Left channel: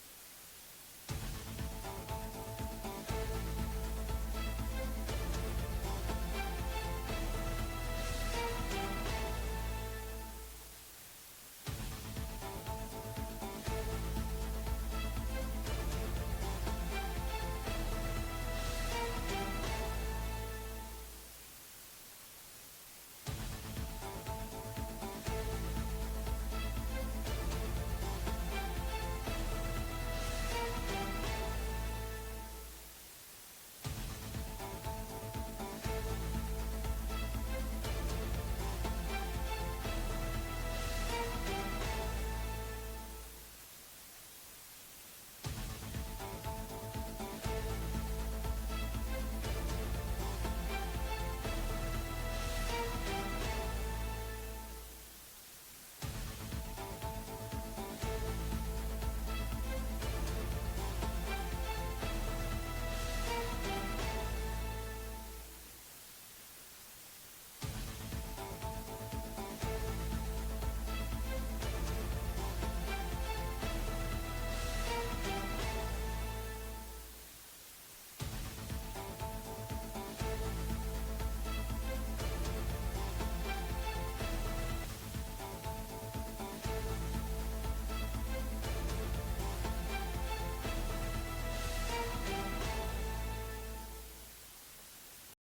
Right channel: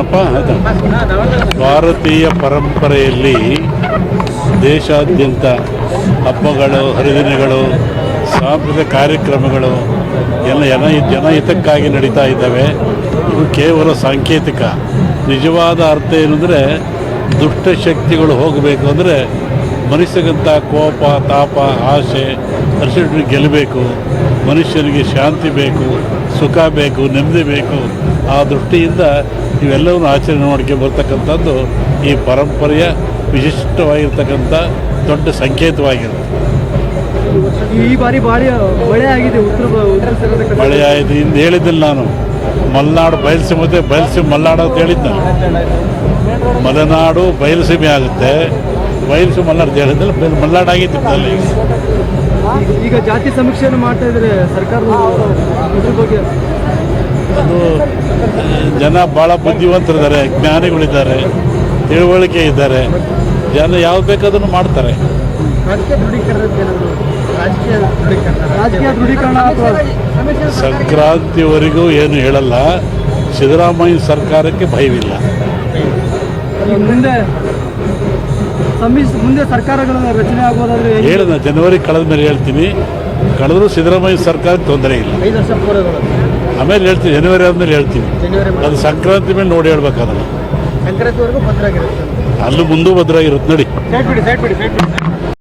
ಏನಪ್ಪ ಭಾರತೀಯ ಪರಂಪರೆಯಲ್ಲಿ ದೇಶಾದ್ಯಂತ ಹಬ್ಬಗಳು, ಹರಿದಿನಗಳು, ಸಾಂಸ್ಕೃತಿಕ ಕಾರ್ಯಕ್ರಮಗಳು, ಎಲ್ಲ ಜನ ಜನಹಿತಕ್ಕಾಗಿ ನಡೀತಾ ಇದ್ದಾವೆ. ಇವು ಕೇವಲ ಸಾಂಕೇತಿಕ. ನಿಜವಾದ ಅರ್ಥ ಏನಂದರೆ ದುಷ್ಟಶಕ್ತಿಗಳು ಹೋಗಬೇಕು ಅಂದರೆ ಮನುಷ್ಯಗಂತ ಕೋಪ ತಾಪ ಆಸೆ ಹರ್ಷಿಟ್ಟು ಗೆಲ್ಲಬೇಕು ಮನುಷ್ಯನಿಗೆ ಶಾಂತಿ ಬೇಕು ಸುಖ ಬೇಕು ನೆಮ್ಮದಿ ಬೇಕು ಆ ದೃಷ್ಟಿಯಿಂದ ಇವೆಲ್ಲವನ್ನು ಆಚರಣೆ ಮಾಡ್ಕೊಂಡು ಬರ್ತಕ್ಕಂಥದ್ದು ಈ ಪರಂಪರೆಯ ವಿಶಿಷ್ಟವಾಗಿರ್ತಕ್ಕಂಥ ದೊಡ್ಡ ಸಂಕೇತವಾಗಿರುತ್ತೆ ಈ ಬಾರಿ ಭಾರಿ ಮಳೆ ಆಗಿದೆ ಉತ್ತರ. ಮಳೆ ಆಯಿತು ಇಂದು ಹೇಳಿದ್ದಿಲ್ಲ ನಾನು ಮಲೆನಾಡು ಬಯಲುಸೀಮೆ ಬಯಲುಸೀಮೆ ಮಲೆನಾಡು ಅಂತ ಹೇಳಿದ್ದೆ ಮಲೆನಾಡು ಬಯಲುಸೀಮೆ ಆಗುತ್ತೆ. ಬಯಲುಸೀಮೆ ಮಲೆನಾಡು ಅಂತ ಹೇಳಿದ್ರೆ ಮಲೆನಾಡು ಆಗಿತ್ತು ಅಲ್ಲಿ. ಈಗ- ಜಾತಿ ಸಮೀಕ್ಷೆಯನ್ನು ಮಾಡ್ತಾ ಇದ್ರೆ ಸರ್ಕಾರ ಬಗ್ಗೆ ಅದು ಜನ ಭಾಳ ಬುದ್ಧಿವಂತರಿದ್ದಾರೆ ಜ್ಞಾನಿಗಳಿದ್ದಾರೆ ತಿಳುವಳಿಕೆ ಇದ್ದಾರೆ. ಜನ ಯಾವ್ದು ಬೇಕಾದ್ರೂ ಮಾಡ್ತಾರೆ. ರಾಜಕೀಯ ದೃಢೀಕರಣ. ಸಂಕ್ರಾಂತಿವರೆಗೂ ಏನು ಹೇಳಲ್ಲ. ಸಿದ್ದರಾಮಯ್ಯ ಸರ್ಕಾರಕ್ಕೆ ಭಯವಿಲ್ಲ. ಮುಂದೆ ಮುಂದೆ ಸರ್ಕಾರಗಳ ರಚನೆ ಆಗೋದಾದ್ರೆ? ಹೇಳಿದ ಜನವರಿ ಕಳೆದ ಮೇಲೆ ಹೇಳ್ತೀನಿ. ಕಳೆದ್ರೂ ಸಿದ್ದರಾಮಯ್ಯ ಸರ್ಕಾರಕ್ಕೆ ತೊಂದರೆ ಇಲ್ಲ. ಆಮೇಲೆ ಹೇಳ್ತೀನಿ ಜನವರಿ ಆದಮೇಲೆ ಹೇಳ್ತೀನಿ. ಜನವರಿ ಅದು ಸಂಕ್ರಾಂತಿ ಮೇಲೆ ನೋಡಿ ಹೇಳ್ಬೇಕಾದ್ರೆ. ಅಲ್ಲೂ ಸಂಕ್ರಾಂತಿವರೆಗೂ ಭದ್ರ ಮುಂದೂ ಭದ್ರಾಗಿರುತ್ತೆ ನೋಡಿ.